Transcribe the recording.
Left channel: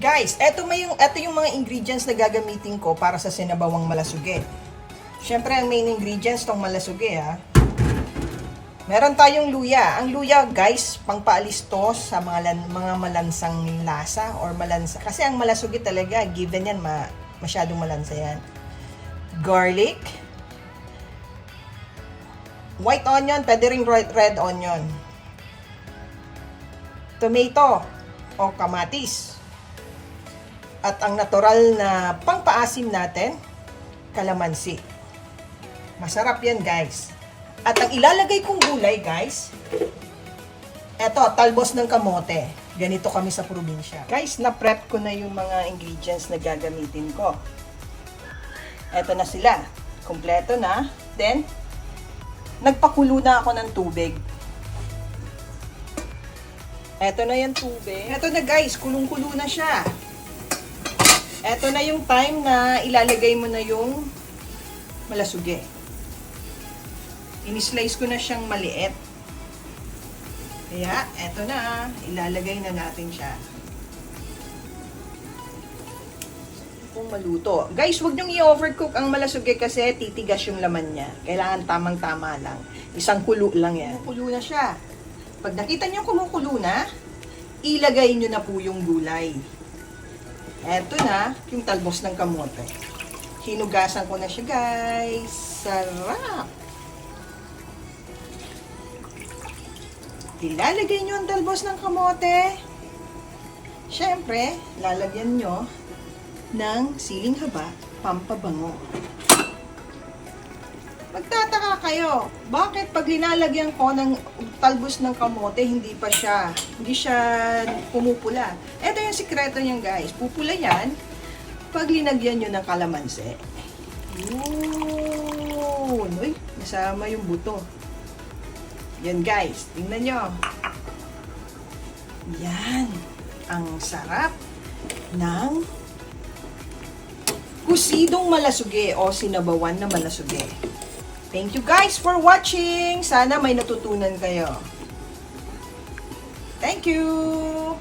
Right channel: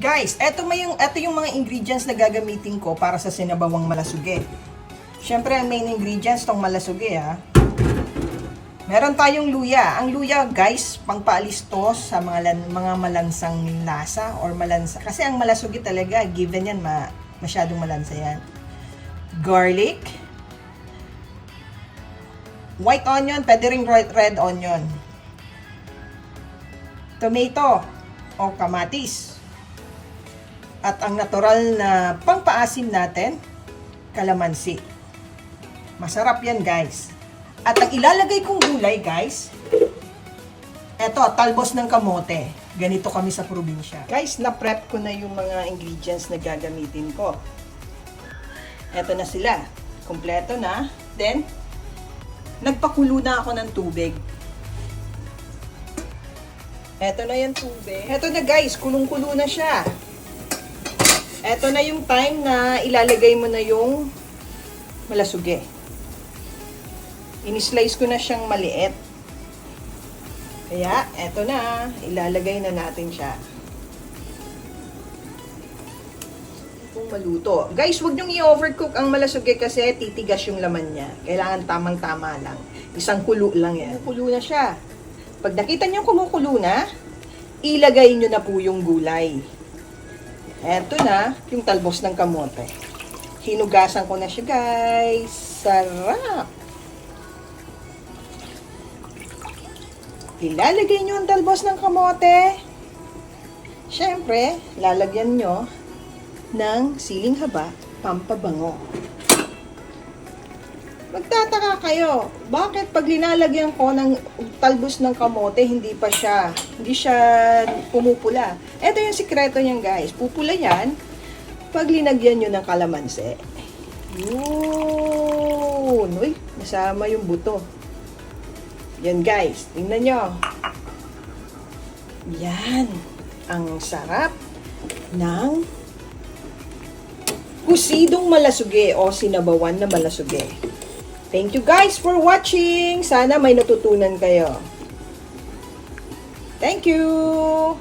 Guys, eto yung mga ingredients na gagamitin ko para sa sinabawang malasuge. Siyempre, ang main ingredients tong malasuge ha. Meron tayong luya. Ang luya, guys, pangpaalis to sa mga malansang lasa or malansa. Kasi ang malasuge talaga, given yan, masyadong malansa yan. Garlic. White onion, pwede ring red onion. Tomato o kamatis. At ang natural na pangpaasim natin, kalamansi. Masarap yan, guys. At ang ilalagay kong gulay, guys, eto, talbos ng kamote. Ganito kami sa probinsya. Guys, na-prep ko na yung mga ingredients na gagamitin ko. Eto na sila. Kompleto na. Then, nagpakulo na ako ng tubig. Eto na yung tubig. Eto na, guys, kulong-kulo na siya. Eto na yung time na ilalagay mo na yung malasuge. Inislice ko na siyang maliit. Kaya, eto na. Ilalagay na natin siya. Kung maluto. Guys, huwag niyong i-overcook ang malasuge kasi titigas yung laman niya. Kailangan tamang-tama lang. Isang kulo lang yan. Kumukulo na siya. Pag nakita niyo kumukulo na, ilagay niyo na po yung gulay. Eto na, yung talbos ng kamote. Hinugasan ko na siya, guys. Sarap! Ilalagay nyo ang talbos ng kamote. Siyempre, lalagyan nyo ng siling haba, pampabango. Magtataka kayo, bakit pag linalagyan ko ng talbos ng kamote, hindi siya pumupula. Ito yung sikreto niyan, guys. Pupula yan pag linagyan nyo ng kalamansi. Yun! Uy, nasama yung buto. Yan, guys. Tingnan nyo. Yan. Ang sarap ng kusidong malasuge o sinabawan na malasuge. Thank you, guys, for watching. Sana may natutunan kayo. Thank you!